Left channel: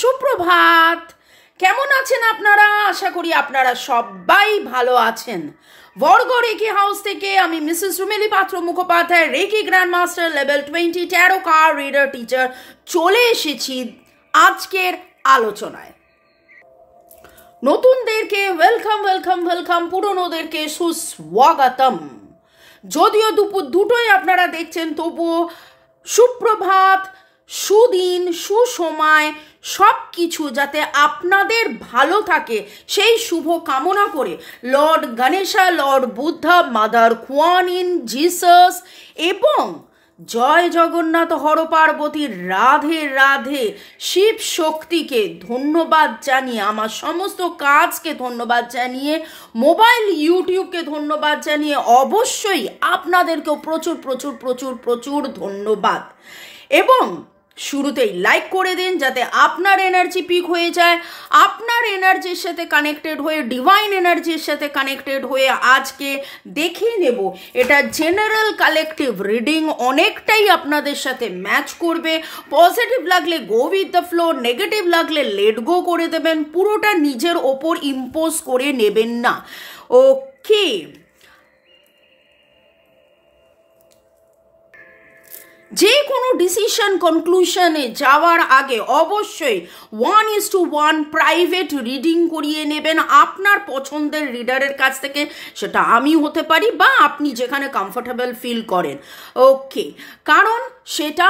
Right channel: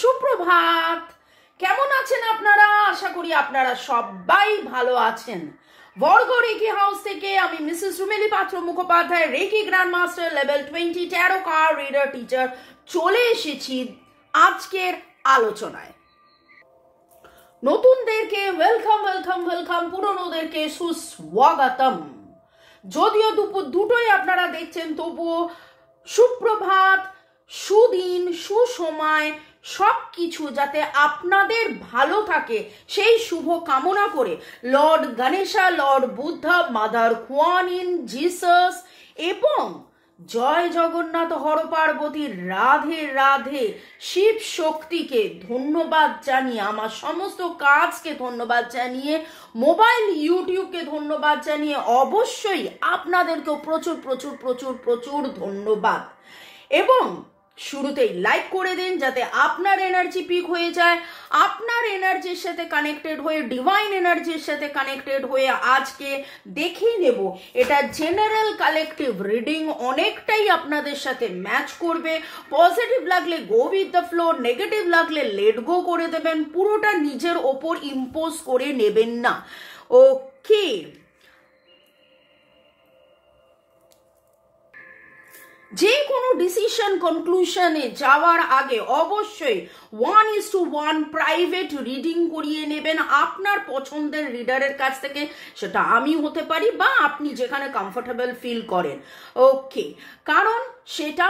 সুপ্রভাত। কেমন আছেন আপনারা? আশা করি আপনারা সবাই ভালো আছেন। বর্গ রেকি হাউস থেকে আমি Mrs Rumeli Patra Mukhopadhyay, reiki grand master level 20 tarot card reader teacher, চলে এসেছি আজকের আলোচনায়। নতুনদেরকে ওয়েলকাম ওয়েলকাম ওয়েলকাম, পুরনোদেরকে সুস্বাগতম। যদিও দুপুর দুটোই আপনারা দেখছেন, তবুও সুপ্রভাত, সুদিন, সুসময়, সব কিছু যাতে আপনাদের ভালো থাকে সেই শুভ কামনা করে Lord Ganesha, Lord Buddha, mother কুয়ান in, Jesus এবং জয় জগন্নাথ, হর পার্বতী, রাধে রাধে, শিব শক্তিকে ধন্যবাদ জানিয়ে, আমার সমস্ত কাজকে ধন্যবাদ জানিয়ে, মোবাইল ইউটিউবকে ধন্যবাদ জানিয়ে, অবশ্যই আপনাদেরকেও প্রচুর প্রচুর প্রচুর প্রচুর ধন্যবাদ। এবং শুরুতেই লাইক করে দিন যাতে আপনার এনার্জি পিক হয়ে যায়। আপনার এনার্জির সাথে কানেক্টেড হয়ে, ডিভাইন এনার্জির সাথে কানেক্টেড হয়ে আজকে দেখে নেব এটা জেনারেল কালেকটিভ রিডিং অনেকটাই আপনাদের সাথে ম্যাচ করবে। পজিটিভ লাগলে go with the flow, negative লাগলে লেট গো করে দেবেন, পুরোটা নিজের ওপর ইম্পোজ করে নেবেন না। ওকে, যে কোনো ডিসিশন কনক্লুশনে যাওয়ার আগে অবশ্যই 1:1 প্রাইভেট রিডিং করিয়ে নেবেন আপনার পছন্দের রিডারের কাছ থেকে। সেটা আমি হতে পারি বা আপনি যেখানে কমফোর্টেবল ফিল করেন। ওকে, কারণ সেটা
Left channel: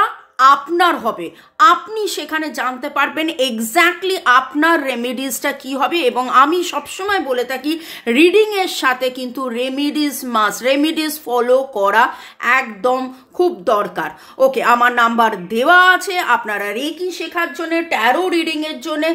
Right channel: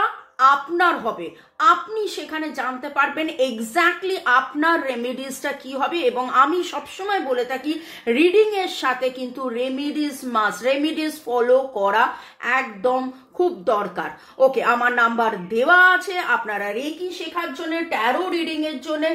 আপনার হবে, আপনি সেখানে জানতে পারবেন এক্স্যাক্টলি আপনার রেমেডিসটা কি হবে। এবং আমি সবসময় বলে থাকি রিডিংয়ের সাথে কিন্তু রেমেডিস মাস্ট, রেমেডিস ফলো করা একদম খুব দরকার। ওকে, আমার নাম্বার দেওয়া আছে, আপনারা রেকি শেখার জন্য, ট্যারো রিডিংয়ের জন্য।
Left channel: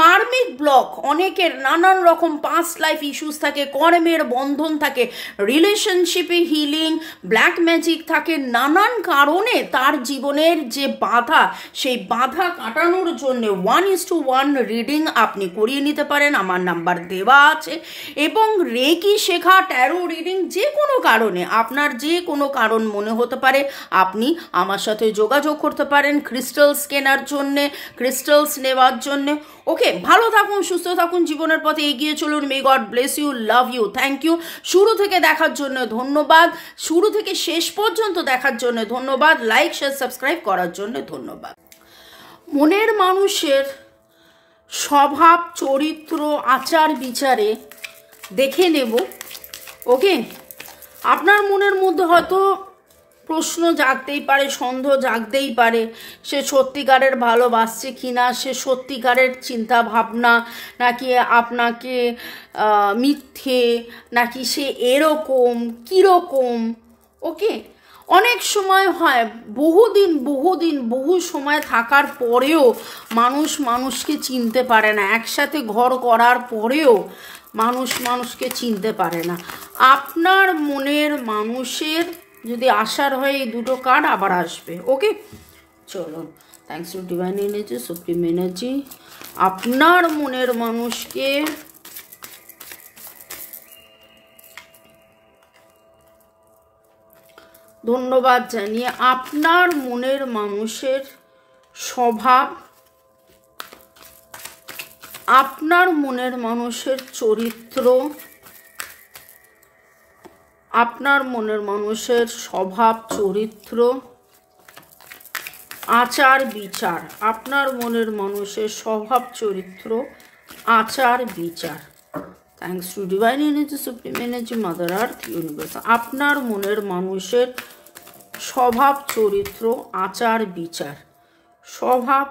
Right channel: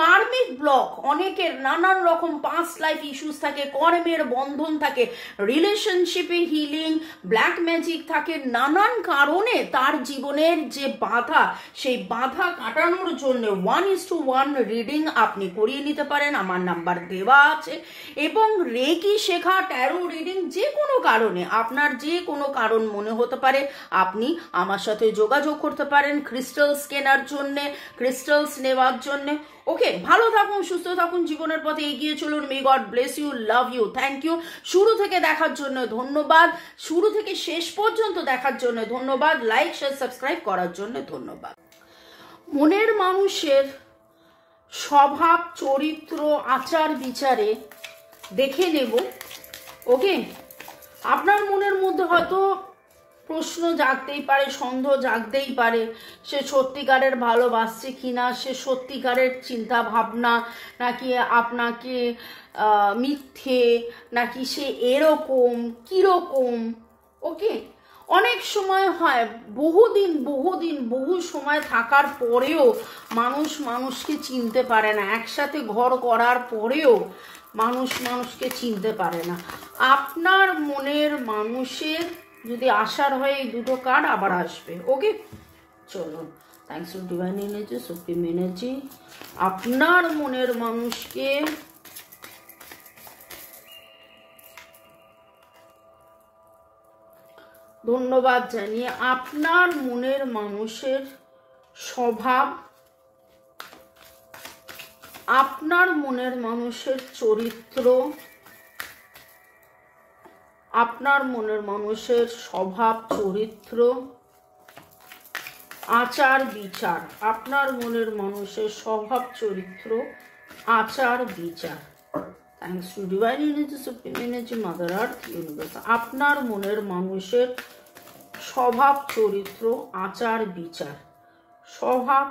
কার্মিক ব্লক, অনেকের নানান রকম পাস্ট লাইফ ইস্যুস থাকে, কর্মের বন্ধন থাকে, রিলেশনশিপে হিলিং, ব্ল্যাক ম্যাজিক থাকে, নানান কারণে তার জীবনের যে বাধা, সেই বাধা কাটানোর জন্য 1:1 রিডিং আপনি করিয়ে নিতে পারেন। আমার নাম্বার দেওয়া আছে। এবং রেকি শেখা, ট্যারো রিডিং যে কোনো কারণে, আপনার যে কোনো কারণ মনে হতে পারে, আপনি আমার সাথে যোগাযোগ করতে পারেন ক্রিস্টালস কেনার জন্যে, ক্রিস্টালস নেওয়ার জন্যে। ওকে, ভালো থাকুন, সুস্থ থাকুন, জীবনের পথে এগিয়ে চলুন। May God bless you, love you, thank you. শুরু থেকে দেখার জন্য ধন্যবাদ, শুরু থেকে শেষ পর্যন্ত দেখার জন্য ধন্যবাদ, লাইক শেয়ার সাবস্ক্রাইব করার জন্য ধন্যবাদ। মনের মানুষের স্বভাব, চরিত্র, আচার বিচারে দেখে নেব। ওকে, আপনার মনের মধ্যে হয়তো প্রশ্ন জাগতেই পারে, সন্দেহ জাগতেই পারে, সে সত্যিকারের ভালোবাসছে কিনা, সে সত্যিকারের চিন্তা ভাবনা নাকি আপনাকে মিথ্যে, নাকি সে এরকম কীরকম। ওকে, অনেক সময় হয় বহু সময় থাকার পরেও মানুষ মানুষকে চিনতে পারে না, একসাথে ঘর করার পরেও মানুষ মানুষকে চিনতে পারে না। আপনার মনের মানুষের যদি আসার হয়, এই দুটো কার্ড আবার আসবে। ওকে, চলুন। Thanks to divine energy, supreme energy, আপনার মনের মানুষকে ধন্যবাদ জানিয়ে, আপনার মনের মানুষের স্বভাব, আপনার মনের মানুষের চরিত্র, আপনার মনের মানুষের স্বভাব, চরিত্র, আচার বিচার, আপনার মনের মানুষের স্বভাব, চরিত্র, আচার বিচার। Thanks to divine energy, supreme energy, mother earth, universe, আপনার মনের মানুষের স্বভাব, চরিত্র, আচার বিচার, স্বভাব,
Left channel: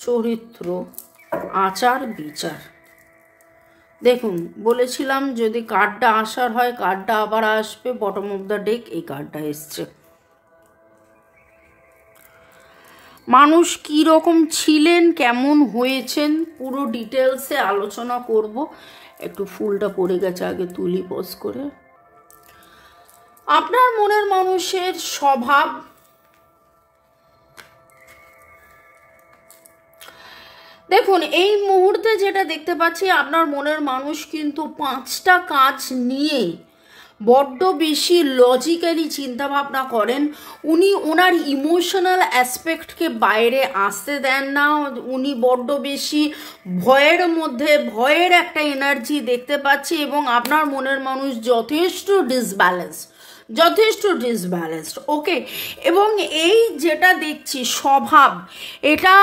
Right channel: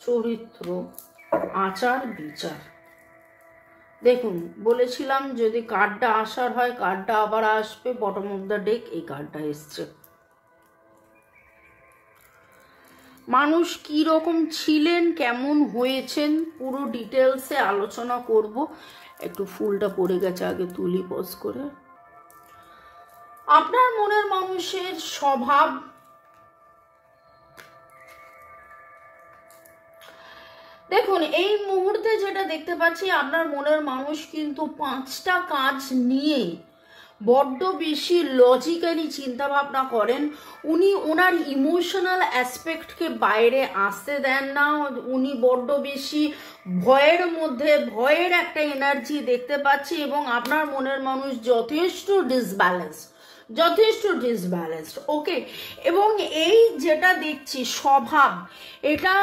চরিত্র, আচার বিচার। দেখুন, বলেছিলাম যদি কার্ডটা আসার হয়, কার্ডটা আবার আসবে। বটম অফ দ্য ডেক এই কার্ডটা এসছে। মানুষ কি রকম ছিলেন, কেমন হয়েছেন, পুরো ডিটেলসে আলোচনা করব। একটু ফুলটা পড়ে গেছে, আগে তুলি পজ করে। আপনার মনের মানুষের স্বভাব, দেখুন এই মুহূর্তে যেটা দেখতে পাচ্ছি, আপনার মনের মানুষ কিন্তু 5টা কাজ নিয়ে বড্ড বেশি লজিক্যালি চিন্তাভাবনা করেন, উনি ওনার ইমোশনাল অ্যাসপেক্টকে বাইরে আসতে দেন না, উনি বড্ড বেশি ভয়ের মধ্যে, ভয়ের একটা এনার্জি দেখতে পাচ্ছি, এবং আপনার মনের মানুষ যথেষ্ট ডিসব্যালেন্সড। ওকে, এবং এই যেটা দেখছি স্বভাব, এটা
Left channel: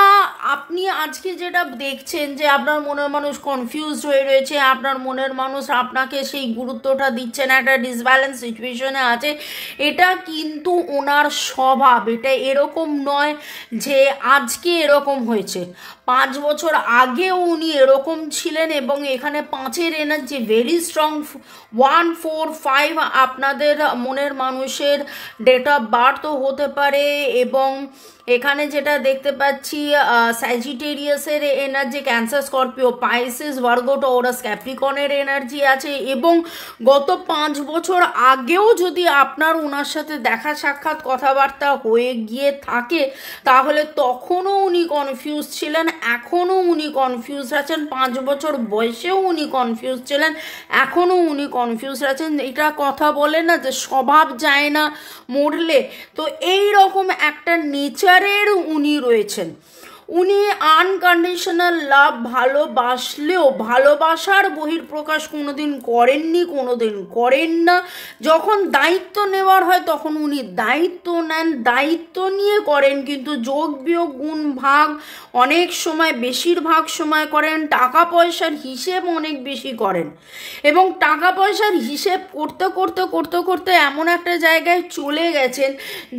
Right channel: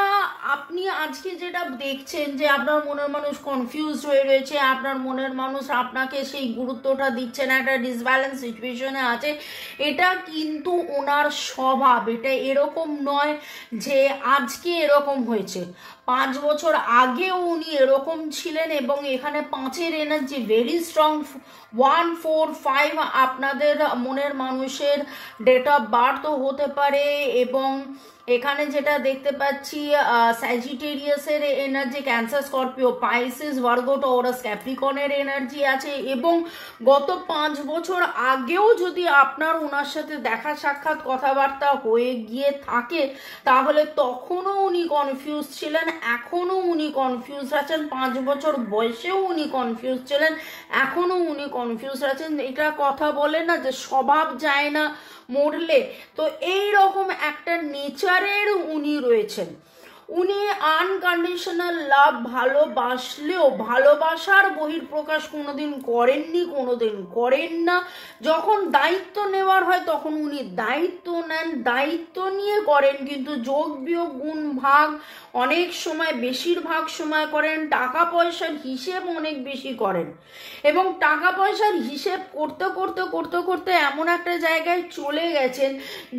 আপনি আজকে যেটা দেখছেন যে আপনার মনের মানুষ কনফিউজড হয়ে রয়েছে, আপনার মনের মানুষ আপনাকে সেই গুরুত্বটা দিচ্ছে না, একটা ডিসব্যালেন্স সিচুয়েশনে আছে, এটা কিন্তু ওনার স্বভাব। এটা এরকম নয় যে আজকে এরকম হয়েছে, 5 বছর আগেও উনি এরকম ছিলেন, এবং এখানে 5-এর এনার্জি ভেরি স্ট্রং। 1, 4, 5 আপনাদের মনের মানুষের ডেট অফ বার্থও হতে পারে, এবং এখানে যেটা দেখতে পাচ্ছি স্যাজিটেরিয়াসের energy, Cancer, Scorpio, Pisces, Virgo, Taurus, ক্যাপ্রিকনের এনার্জি আছে, এবং গত 5 বছর আগেও যদি আপনার ওনার সাথে দেখা সাক্ষাৎ কথাবার্তা হয়ে গিয়ে থাকে, তাহলে তখনও উনি কনফিউজ ছিলেন, এখনও উনি কনফিউজ আছেন, 5 বছর বয়সেও উনি কনফিউজ ছিলেন, এখনও উনি কনফিউজ আছেন। এটা কথা বলে না যে স্বভাব যায় না মরলে, তো এই রকম একটা নেচারের উনি রয়েছেন। উনি আনকন্ডিশনাল লাভ, ভালোবাসলেও ভালোবাসার বহিঃপ্রকাশ কোনোদিন করেননি, কোনোদিন করেন না। যখন দায়িত্ব নেওয়ার হয় তখন উনি দায়িত্ব নেন, দায়িত্ব নিয়ে করেন, কিন্তু যোগ বিয়োগ গুণ ভাগ অনেক সময়, বেশিরভাগ সময় করেন। টাকা পয়সার হিসেব অনেক বেশি করেন, এবং টাকা পয়সার হিসেব করতে করতে করতে করতে এমন একটা জায়গায় চলে গেছেন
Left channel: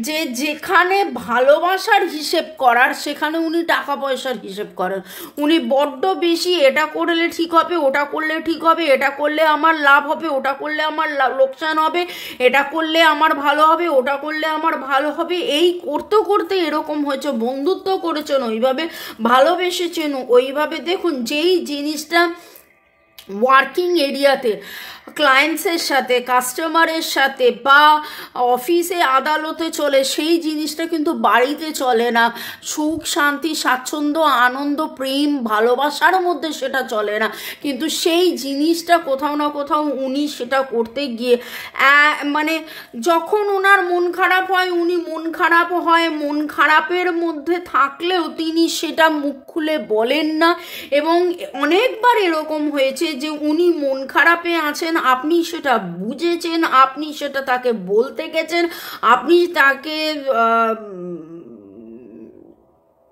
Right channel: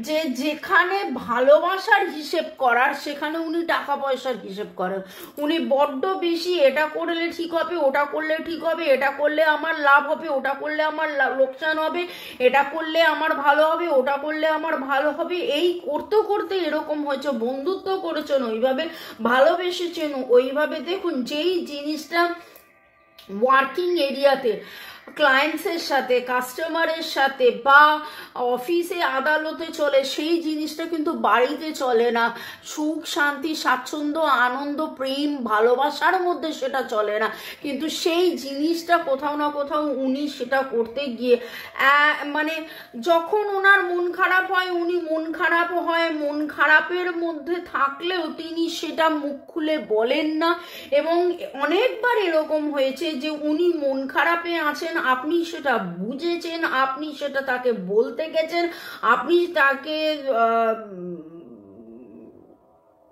যে যেখানে ভালোবাসার হিসেব করার, সেখানে উনি টাকা পয়সার হিসেব করেন। উনি বড্ড বেশি এটা করলে ঠিক হবে, ওটা করলে ঠিক হবে, এটা করলে আমার লাভ হবে, ওটা করলে আমার লোকসান হবে, এটা করলে আমার ভালো হবে, ওটা করলে আমার ভালো হবে, এই করতে করতে এরকম হয়েছে। বন্ধুত্ব করেছেন ওইভাবে, ভালোবেসেছেন ওইভাবে। দেখুন, যেই জিনিসটা ওয়ার্কিং এরিয়াতে ক্লায়েন্টসের সাথে, কাস্টমারের সাথে, বা অফিসে আদালতে চলে, সেই জিনিসটা কিন্তু বাড়িতে চলে না। সুখ, শান্তি, স্বাচ্ছন্দ্য, আনন্দ, প্রেম, ভালোবাসার মধ্যে সেটা চলে না, কিন্তু সেই জিনিসটা কোথাও না কোথাও উনি সেটা করতে গিয়ে মানে যখন ওনার মন খারাপ হয়, উনি মন খারাপ হয়, মন খারাপের মধ্যে থাকলেও তিনি সেটা মুখ খুলে বলেন না। এবং অনেকবার এরকম হয়েছে যে উনি মন খারাপে আছেন, আপনি সেটা বুঝেছেন, আপনি সেটা তাকে বলতে গেছেন, আপনি তাকে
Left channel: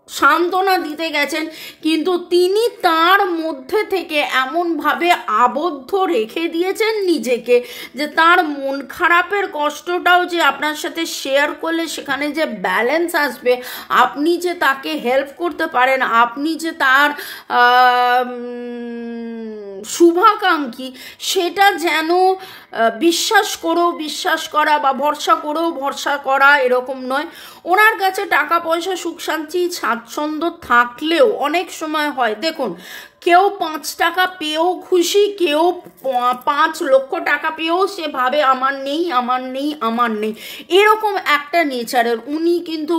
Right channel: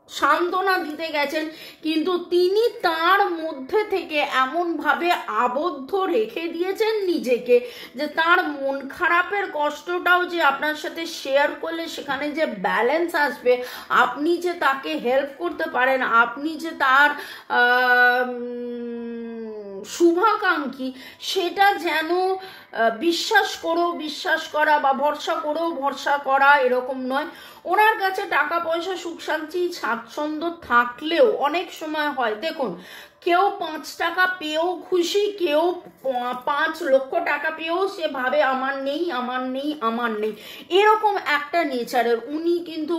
সান্ত্বনা দিতে গেছেন, কিন্তু তিনি তার মধ্যে থেকে এমনভাবে আবদ্ধ রেখে দিয়েছেন নিজেকে যে তার মন খারাপের কষ্টটাও যে আপনার সাথে শেয়ার করলে সেখানে যে ব্যালেন্স আসবে, আপনি যে তাকে হেল্প করতে পারেন, আপনি যে তার শুভাকাঙ্ক্ষী, সেটা যেন বিশ্বাস করা বা ভরসা করা এরকম নয়। ওনার কাছে টাকা পয়সা, সুখ শান্তি, স্বাচ্ছন্দ্য থাকলেও অনেক সময় হয়, দেখুন, কেউ 5 টাকা পেয়েও খুশি, কেউ 5 লক্ষ টাকা পেয়েও সে ভাবে আমার নেই, এরকম একটা নেচারের। উনি কিন্তু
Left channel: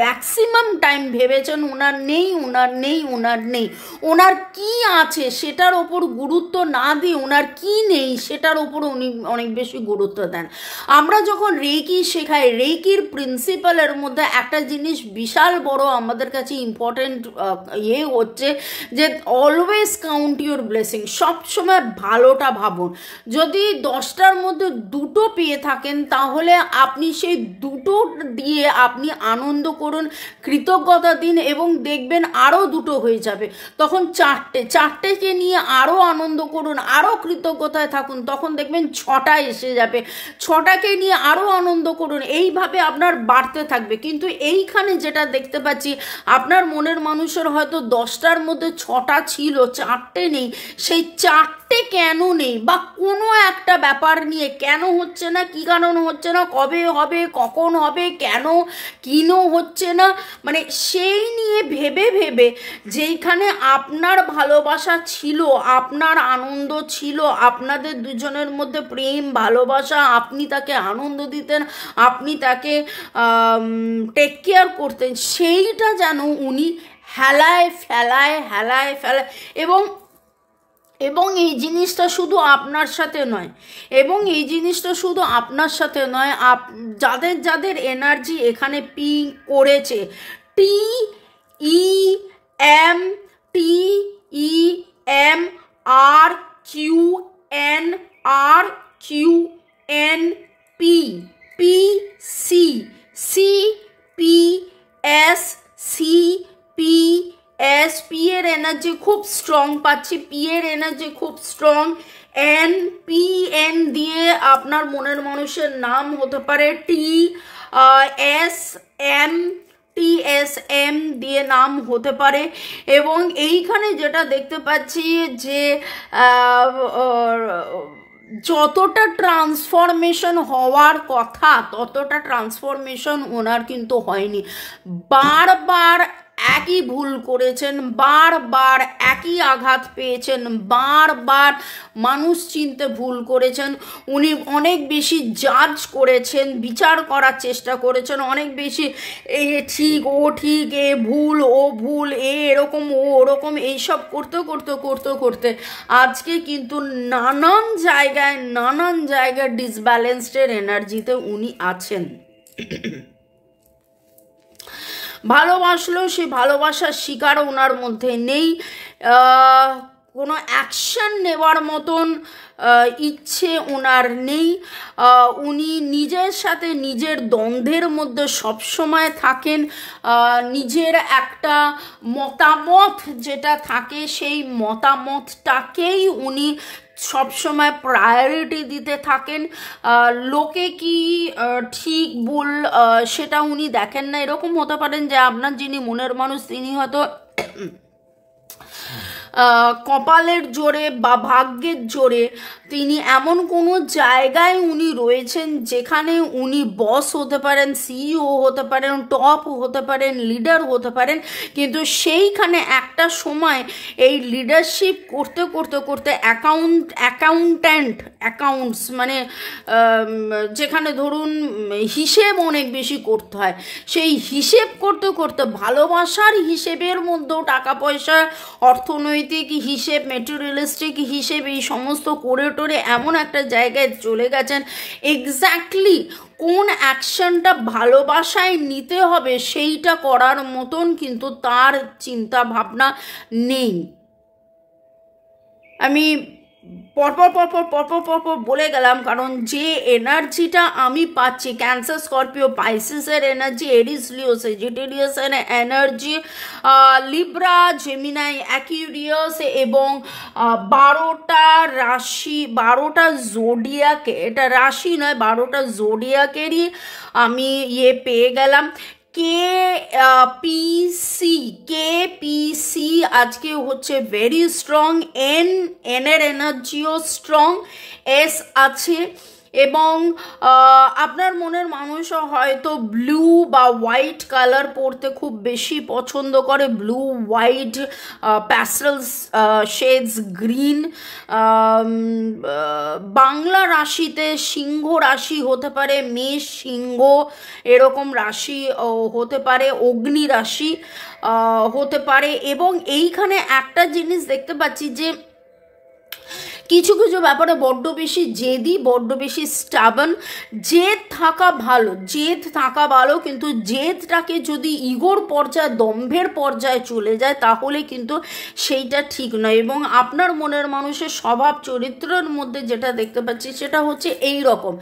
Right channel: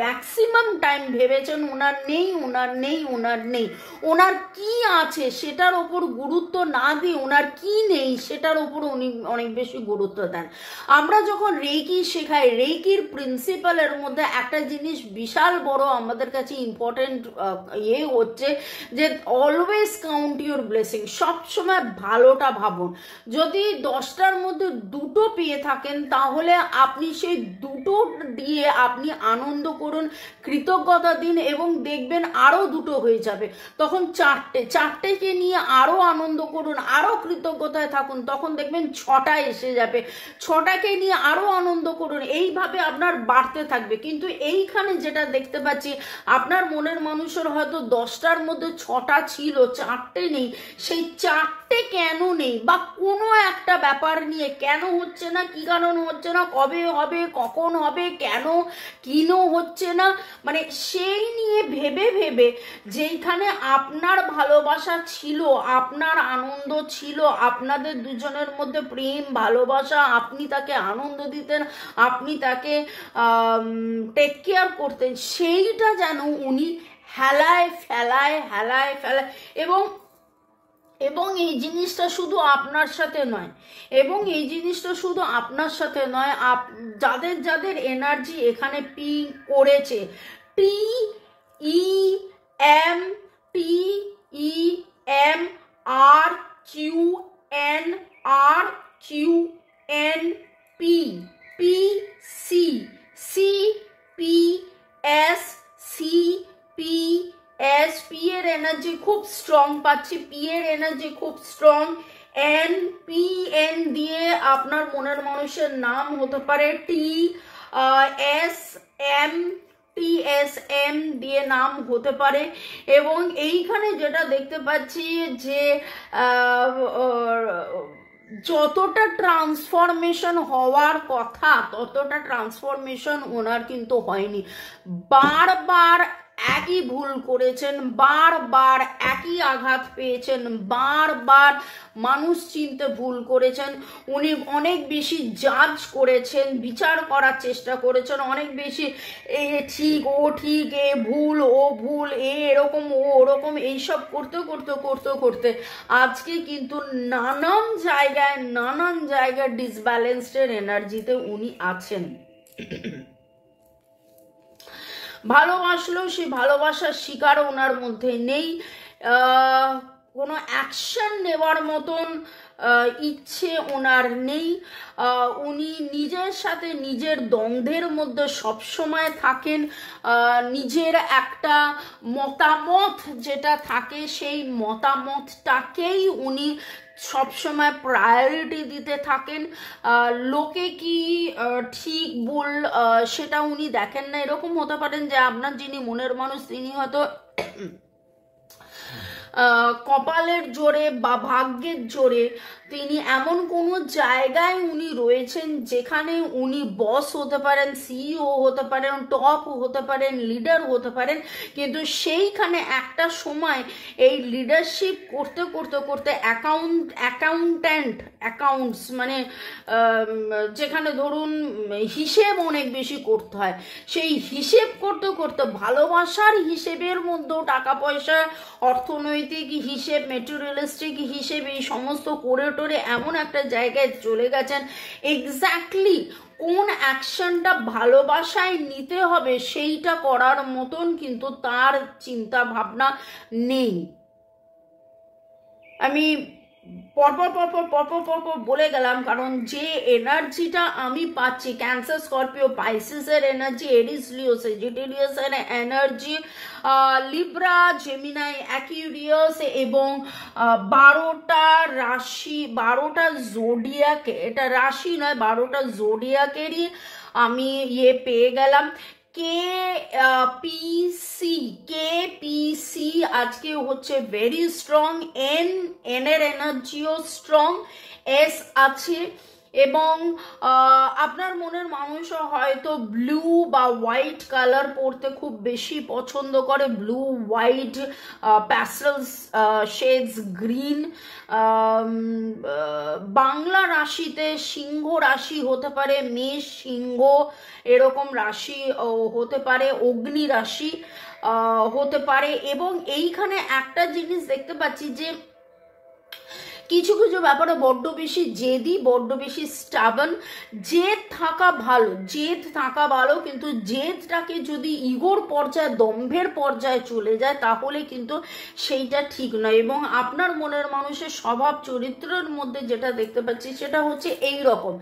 ম্যাক্সিমাম টাইম ভেবেছেন ওনার নেই, ওনার কি আছে সেটার ওপর গুরুত্ব না দিয়ে ওনার কি নেই সেটার ওপর উনি অনেক বেশি গুরুত্ব দেন। আমরা যখন রেকি শেখাই, রেকির প্রিন্সিপালের মধ্যে একটা জিনিস বিশাল বড় আমাদের কাছে ইম্পর্টেন্ট হচ্ছে যে অলওয়েজ কাউন্ট ইউর ব্লেসিং। সবসময় ভালোটা ভাবুন। যদি 10টার মধ্যে 2টো পেয়ে থাকেন, তাহলে আপনি সেই 2টো দিয়ে আপনি আনন্দ করুন, কৃতজ্ঞতা দিন, এবং দেখবেন আরও 2টো হয়ে যাবে। তখন 4টেকে নিয়ে আরও আনন্দ করুন, আরও কৃতজ্ঞতায় থাকুন, তখন দেখবেন 6টা এসে যাবে। 6টাকে নিয়ে আরও আনন্দ করুন, এইভাবে আপনার বাড়তে থাকবে। কিন্তু এইখানে যেটা দেখতে পাচ্ছি, আপনার মনের মানুষের হয়তো 10টার মধ্যে 6টা ছিল, 4টে নেই। সেই 4টে কেন নেই, বা কোনো একটা ব্যাপার নিয়ে কেন হচ্ছে না, কি কারণ হচ্ছে না, কবে হবে, কখন হবে, কেন হচ্ছে না, মানে সেই নিয়ে ভেবে যেইখানে আপনার ভালোবাসা ছিল, আপনার আনন্দ ছিল, আপনাদের দুজনের মধ্যে প্রেম, ভালোবাসা, আপনি তাকে আনন্দ দিতেন, আপনি তাকে টেক কেয়ার করতেন, সেইটা যেন উনি হেলায় ফেলায় এবং এবং এই জিনিসটা শুধু আপনার সাথে নয়, এবং এই জিনিসটা শুধু আপনার সাথে নয়, যাদের যাদের এনার্জি এখানে পি করেছে, T E M, T E M R Q N, R Q N P, P C, C P S, C P S, P এর এনার্জি খুব স্ট্রং পাচ্ছি, পি এর এনার্জি খুব স্ট্রং। এন, পি এন দিয়ে আপনার মনের মানুষের নাম হতে পারে, T S M, T S M দিয়ে নাম হতে পারে। এবং এইখানে যেটা দেখতে পাচ্ছি যে যতটা ট্রান্সফরমেশন হওয়ার কথা ততটা ট্রান্সফরমেশন ওনার কিন্তু হয়নি। বারবার একই ভুল করেছেন, বারবার একই আঘাত পেয়েছেন, বারবার মানুষ চিনতে ভুল করেছেন, উনি অনেক বেশি জাজ করেছেন, বিচার করার চেষ্টা করেছেন, অনেক বেশি এ ঠিক ও ঠিক, এ ভুল ও ভুল, এরকম ও ওরকম, এইসব করতে করতে করতে করতে আজকে কিন্তু নানান জায়গায় ডিসব্যালেন্সডের এনার্জিতে উনি আছেন। ভালোবাসলেও সে ভালোবাসার শিকার ওনার মধ্যে নেই, কোনো অ্যাকশন নেওয়ার মতন ইচ্ছে ওনার নেই। উনি নিজের সাথে নিজের দ্বন্দ্বের মধ্যে সবসময় থাকেন। নিজের একটা মতামত যেটা থাকে সেই মতামতটাকেই উনি সবসময় প্রায়োরিটি দিতে থাকেন। লোকে কি ঠিক ভুল সেটা উনি দেখেন না। এরকম হতে পারেন যে আপনার যিনি মনের মানুষ তিনি হয়তো কপালের জোরে বা ভাগ্যের জোরে তিনি এমন কোনো জায়গায় উনি রয়েছেন যেখানে উনি বস হতে পারেন, সিইও হতে পারেন, টপ হতে পারেন, লিডার হতে পারেন, কিন্তু সেইখানে একটা সময় এই লিডারশিপ করতে করতে করতে অ্যাকাউন্টস মানে যেখানে ধরুন হিসেব অনেক বেশি করতে হয়, সেই হিসেব করতে করতে ভালোবাসার হিসেবের মধ্যেও টাকা পয়সা, অর্থনৈতিক হিসেব, মেটেরিয়ালিস্টিক হিসেব এই সমস্ত করে টোরে এমন একটা জায়গায় চলে গেছেন এক্স্যাক্টলি কোন অ্যাকশনটা ভালোবাসায় নিতে হবে সেইটা করার মতন কিন্তু তার চিন্তা ভাবনা নেই। আমি পরপর বলে গেলাম কারণ যে এনার্জিটা আমি পাচ্ছি, ক্যান্সার, স্করপিও, পাইসিসের এনার্জি, এরিস, লিও, সেজিটেরিয়াসের এনার্জি, লিব্রা, জেমিনাই, অ্যাকিউরিয়াস এবং 12টা রাশি, 12টা জোডিয়াকে, এটা রাশি নয় 12টা জোডিয়াকেরই আমি পেয়ে গেলাম। কেপিসি আজকে হচ্ছে ভেরি স্ট্রং, এর এনার্জিও স্ট্রং, এস আছে। এবং আপনার মনের মানুষও হয়তো ব্লু বা হোয়াইট কালার পরতে খুব বেশি পছন্দ করে, blue, white, pastels shades, green. Bangla রাশিতে সিংহ রাশি হতে পারে, মেষ, সিংহ এরকম রাশি হতে পারে, অগ্নি রাশি হতে পারে। এবং এইখানে একটা জিনিস দেখতে পাচ্ছি যে কিছু কিছু ব্যাপারে বড্ড বেশি জেদি, বড্ড বেশি স্টাবন। জেদ থাকা ভালো, কিন্তু জেদটাকে যদি ইগোর পর্যায়ে, দম্ভের পর্যায়ে চলে যায় তাহলে কিন্তু সেইটা ঠিক নয়। এবং আপনার মনের মানুষের স্বভাব চরিত্রের মধ্যে যেটা দেখতে পাচ্ছি সেটা হচ্ছে এই রকম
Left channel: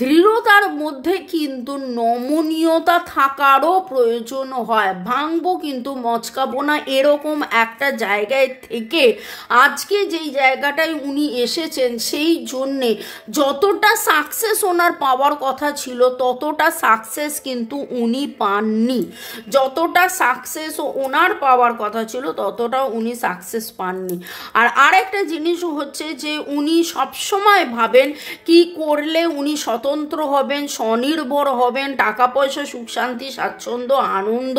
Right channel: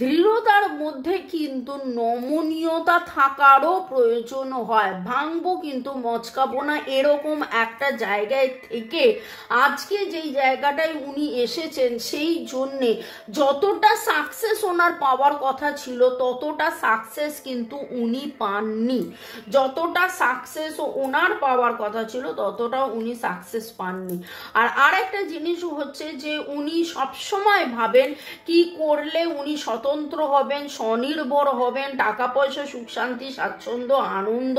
দৃঢ়তার মধ্যে কিন্তু নমনীয়তা থাকারও প্রয়োজন হয়। ভাঙবো কিন্তু মচকাবো না, এরকম একটা জায়গায় থেকে আজকে যেই জায়গাটায় উনি এসেছেন সেই জন্যে যতটা সাকসেস ওনার পাওয়ার কথা ছিল ততটা সাকসেস কিন্তু উনি পাননি। যতটা সাকসেস ওনার পাওয়ার কথা ছিল ততটা উনি সাকসেস পাননি। আর আরেকটা জিনিস হচ্ছে যে উনি সবসময় ভাবেন কি করলে উনি স্বতন্ত্র হবেন, স্বনির্ভর হবেন, টাকা পয়সা, সুখ শান্তি, স্বাচ্ছন্দ্য, আনন্দ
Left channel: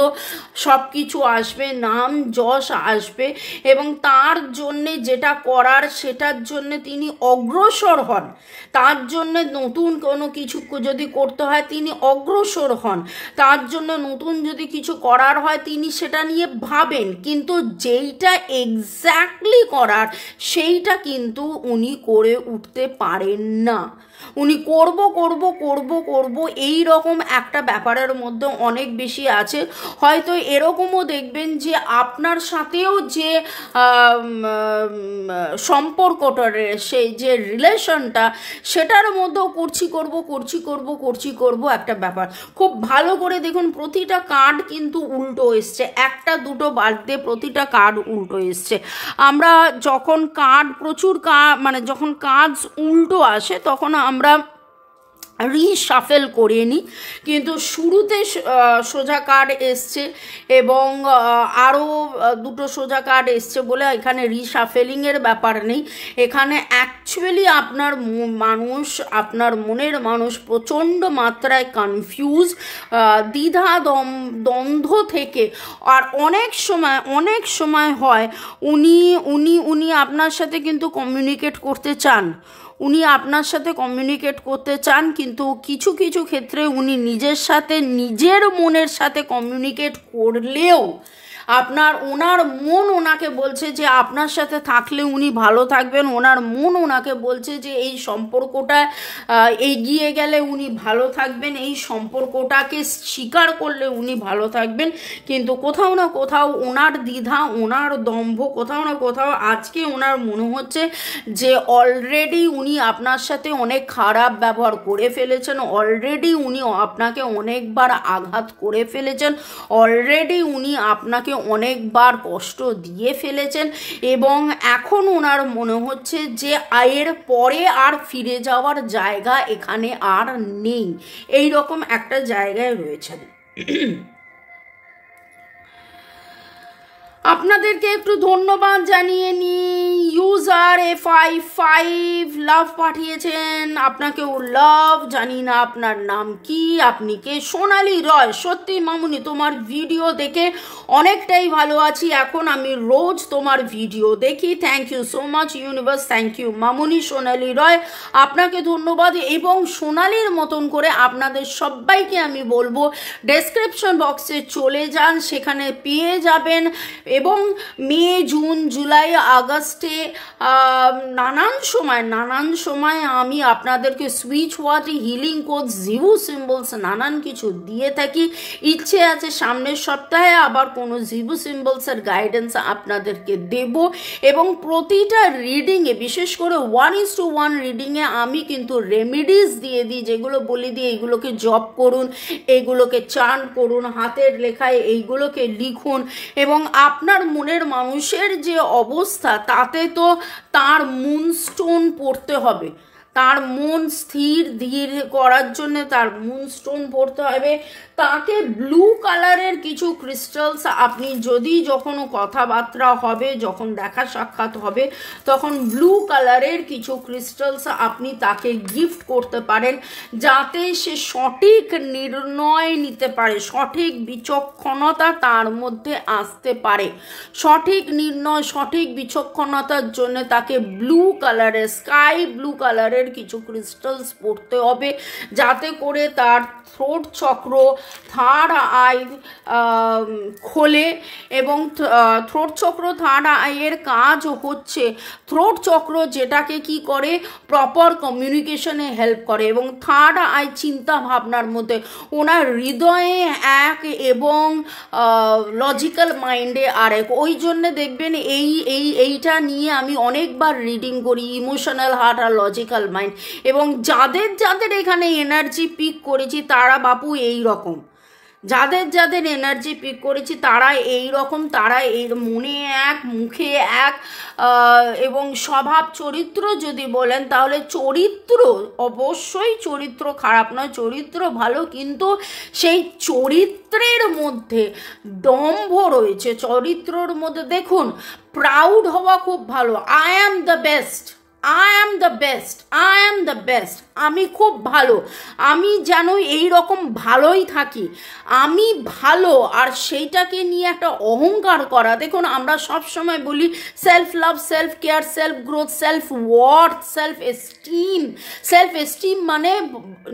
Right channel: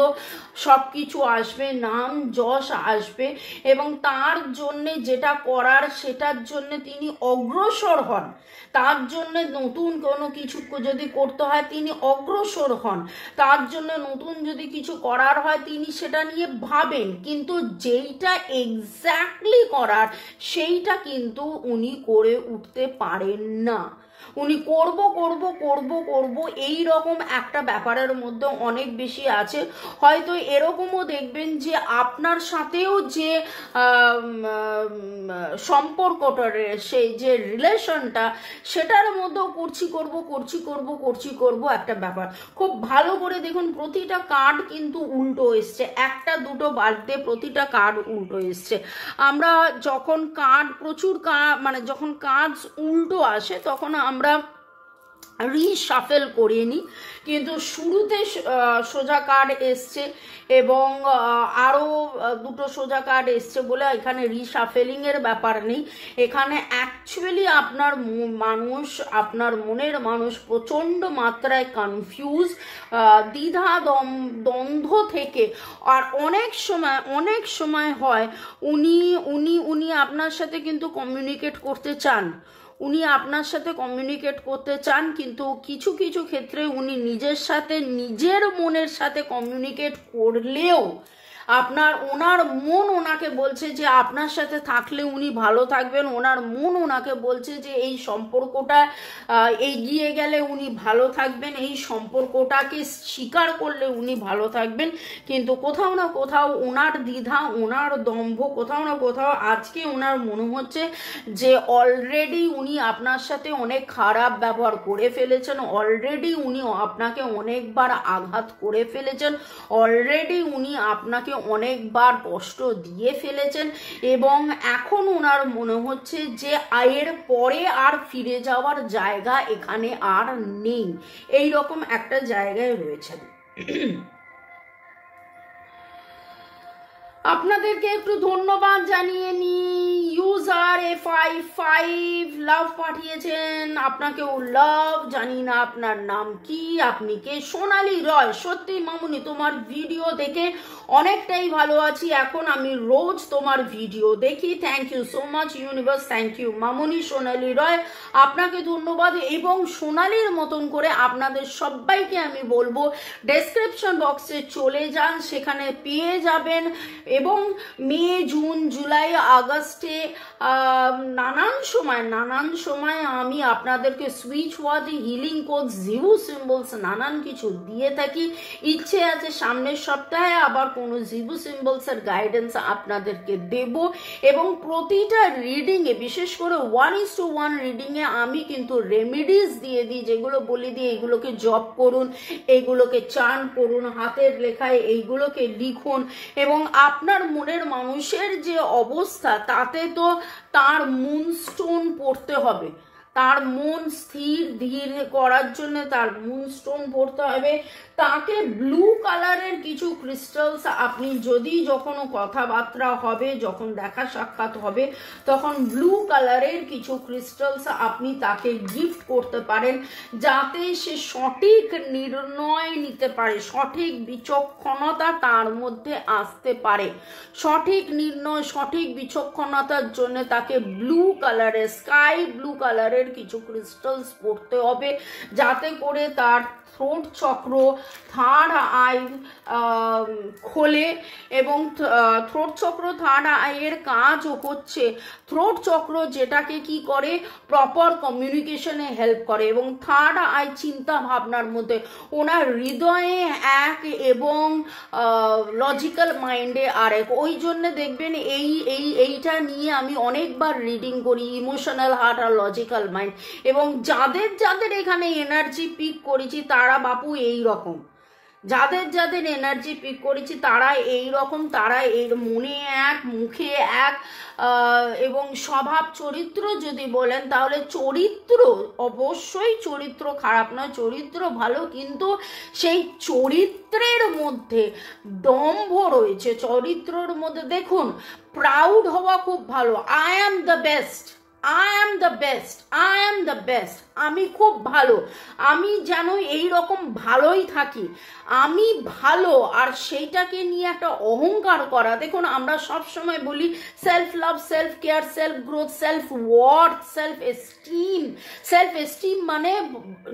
সব কিছু আসবে, নাম যশ আসবে। এবং তার জন্যে যেটা করার সেটার জন্য তিনি অগ্রসর হন, তার জন্য নতুন কোনো কিছু যদি করতে হয় তিনি অগ্রসর হন, তার জন্য নতুন যদি কিছু করার হয় তিনি সেটা নিয়ে ভাবেন, কিন্তু যেইটা এক্স্যাক্টলি করার সেইটা কিন্তু উনি করে উঠতে পারেন না। উনি করব করব করব করব এই রকম একটা ব্যাপারের মধ্যে অনেক বেশি আছে। হয়তো এরকমও দেখবেন যে আপনার সাথেও যে সম্পর্কটা, সেই যে রিলেশনটা, সেটার মধ্যেও করছি করব একটা ব্যাপার। খুব ভালো করে দেখুন, প্রতিটা কার্ড কিন্তু উল্টো এসছে, একটা দুটো বাদ দিয়ে প্রতিটা কার্ড উল্টো এসছে। আমরা যখন কার্ড মানে যখন কার্ড উল্টো আসে তখন আমরা রিশাফেল করে নিই, কিন্তু শুরুতে সোজা কার্ড এসছে এবং আরও দুটো সোজা কার্ড এসছে বলে এখানে রিশাফেলিংয়ের ব্যাপার নেই। এখানে অ্যাকচুয়ালি আপনার মনের মানুষ প্রচণ্ড মাত্রায় কনফিউজ, দ্বিধা দ্বন্দ্ব থেকে, আর অনেক সময় হয় উনি আপনার সাথে কিন্তু কমিউনিকেট করতে চান, কিন্তু কিছু কিছু ক্ষেত্রে উনি নিজের মনের সাথে কমিউনিকেট করলেও ওনার মন ওনাকে বলছে যে আপনার সাথে থাকলে উনি ভালো থাকবেন, ওনার মন ওনাকে বলছে যে এই সম্পর্কটা এগিয়ে গেলে উনি ভালো থাকবেন, এই সম্পর্কটাকে স্বীকার করলে উনি ভালো থাকবেন, কিন্তু কোথাও না কোথাও ওনার দ্বিধা, ওনার দম্ভ, কোথাও না কোথাও আজকে ওনার মনে হচ্ছে যে অলরেডি উনি আপনার সাথে অনেক খারাপ ব্যবহার করে ফেলেছেন, অলরেডি উনি আপনাকে অনেকবার আঘাত করে ফেলেছেন, অলরেডি উনি আপনাকে অনেকবার কষ্ট দিয়ে ফেলেছেন, এবং এখন ওনার মনে হচ্ছে যে এর পরে আর ফিরে যাওয়ার জায়গা এখানে আর নেই, এই রকম একটা জায়গায় রয়েছেন। আপনাদেরকে একটু ধন্যবাদ জানিয়ে নি। ইউজার A55 লাভ পাঠিয়েছেন, আপনাকেও লাভ। জানি না আপনার নাম কি, আপনি কে? সোনালী রয়। সত্যি মামুনি, তোমার ভিডিও দেখে অনেকটাই ভালো আছি এখন, আমি রোজ তোমার ভিডিও দেখি। Thank you so much universe, thank you মামুনি। সোনালী রয়, আপনাকে ধন্যবাদ। এবং সোনালীর মতন করে আপনাদের সবাইকে আমি বলবো ডেসক্রিপশন বক্সে চলে যান, সেখানে পেয়ে যাবেন। এবং মে, জুন, জুলাই, আগস্টে নানান সময় আমি আপনাদেরকে switch word, healing code, Zibu symbols নানান কিছু দিয়ে থাকি। ইচ্ছে আছে সামনের সপ্তাহে আবার কোনো জিভু সিম্বলসের গাইডেন্স আপনাদেরকে দেব। এবং প্রতিটা রিডিংয়ে, বিশেষ করে 1:1 রিডিংয়ে আমি কিন্তু রেমেডিস দিয়ে দিই, যেগুলো বলে দিই এইগুলোকে জপ করুন, এইগুলোকে চান করুন, হাতের লেখায় এইগুলোকে লিখুন। এবং আপনার মনের মানুষের যে অবস্থা, তাতে তো তার মুনস্টোন পড়তে হবে, তার মন স্থির ধীর করার জন্য তার মুনস্টোন পড়তে হবে। তাকে ব্লু কালারের কিছু ক্রিস্টালস আপনি যখন কথাবার্তা হবে, যখন দেখা সাক্ষাৎ হবে, তখন ব্লু কালারের কিছু ক্রিস্টালস আপনি তাকে গিফট করতে পারেন, যাতে সে সঠিক নির্ণয় নিতে পারে, সঠিক বিচক্ষণতা তার মধ্যে আসতে পারে। সঠিক নির্ণয়, সঠিক বিচক্ষণতার জন্য তাকে ব্লু কালারের, স্কাই ব্লু কালারের কিছু ক্রিস্টালস পড়তে হবে, যাতে করে তার থ্রোট চক্র, থার্ড আই খোলে। এবং থ্রোট চক্র, থার্ড আইয়ের কাজ হচ্ছে থ্রোট চক্র যেটাকে কি করে, প্রপার কমিউনিকেশনে হেল্প করে। এবং থার্ড আই চিন্তা ভাবনার মধ্যে, ওনার হৃদয়ে এক এবং লজিক্যাল মাইন্ডে আরেক। ওই জন্য দেখবেন এইটা নিয়ে আমি অনেকবার রিডিং করি, ইমোশনাল হার্ট আর লজিক্যাল মাইন্ড। এবং যাদের এখানে এনার্জি পিক করেছি তারা বাপু এই রকম, যাদের এনার্জি পিক করেছি তারা এই রকম, তারা এর মনে এক, মুখে এক। এবং স্বভাব চরিত্র যদি বলেন তাহলে চরিত্র, অবশ্যই চরিত্র খারাপ নয়, চরিত্র ভালো, কিন্তু সেই চরিত্রের মধ্যে দম্ভ রয়েছে। চরিত্রর মধ্যে দেখুন, প্রাউড হওয়া খুব ভালো, I am the best, I am the best, I am the best, আমি খুব ভালো, আমি যেন এই রকম ভালোই থাকি, আমি ভালো। আর সেইটাকে নিয়ে একটা অহংকার করা। দেখুন আমরা সব সময় বলি self love, self care, self growth, self worth, self esteem. Self esteem মানে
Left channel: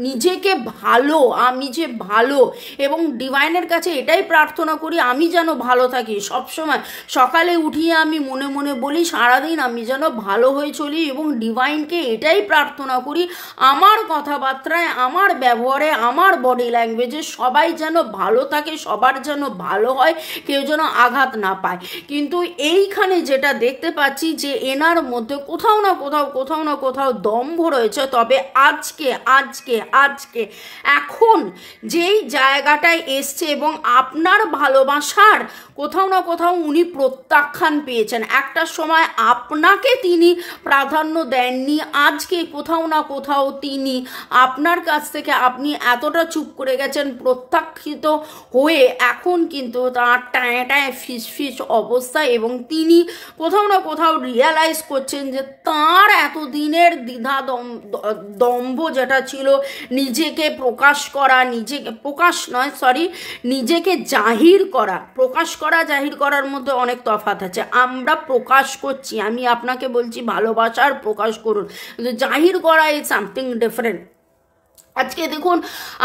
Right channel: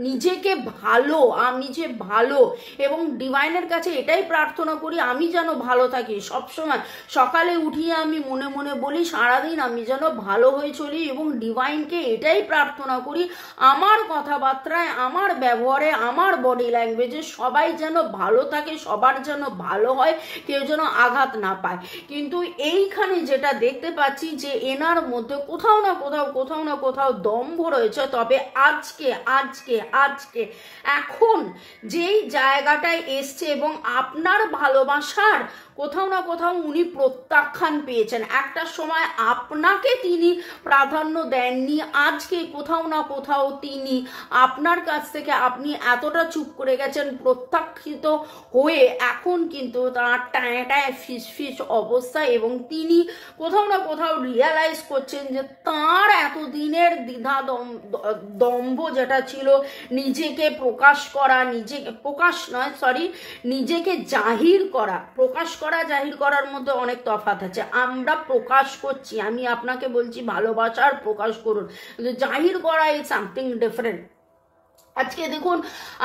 নিজেকে ভালো, আমি যে ভালো, এবং ডিভাইনের কাছে এটাই প্রার্থনা করি আমি যেন ভালো থাকি। সবসময় সকালে উঠিয়ে আমি মনে মনে বলি সারাদিন আমি যেন ভালো হয়ে চলি, এবং ডিভাইনকে এটাই প্রার্থনা করি আমার কথাবার্তায়, আমার ব্যবহারে, আমার বডি ল্যাঙ্গুয়েজে সবাই যেন ভালো থাকে, সবার যেন ভালো হয়, কেউ যেন আঘাত না পায়। কিন্তু এইখানে যেটা দেখতে পাচ্ছি যে এনার মধ্যে কোথাও না কোথাও দম্ভ রয়েছে। তবে আজকে আজকে আজকে এখন যেই জায়গাটায় এসছে এবং আপনার ভালোবাসার কোথাও না কোথাও উনি প্রত্যাখ্যান পেয়েছেন। একটা সময় আপনাকে তিনি প্রাধান্য দেননি, আজকে কোথাও না কোথাও তিনি আপনার কাছ থেকে, আপনি এতটা চুপ করে গেছেন প্রত্যাখ্যিত হয়ে, এখন কিন্তু তার টায় টায় ফিস অবস্থা, এবং তিনি কোথাও না কোথাও রিয়ালাইজ করছেন যে তার এতদিনের দ্বিধা দম্ভ যেটা ছিল, নিজেকে প্রকাশ করা, নিজেকে প্রকাশ নয় সরি নিজেকে জাহির করা, প্রকাশ করা জাহির করার মধ্যে অনেক তফাৎ আছে। আমরা প্রকাশ করছি, আমি আপনাকে বলছি ভালোবাসার প্রকাশ করুন, কিন্তু জাহির করা ইজ সামথিং ডিফারেন্ট। আজকে দেখুন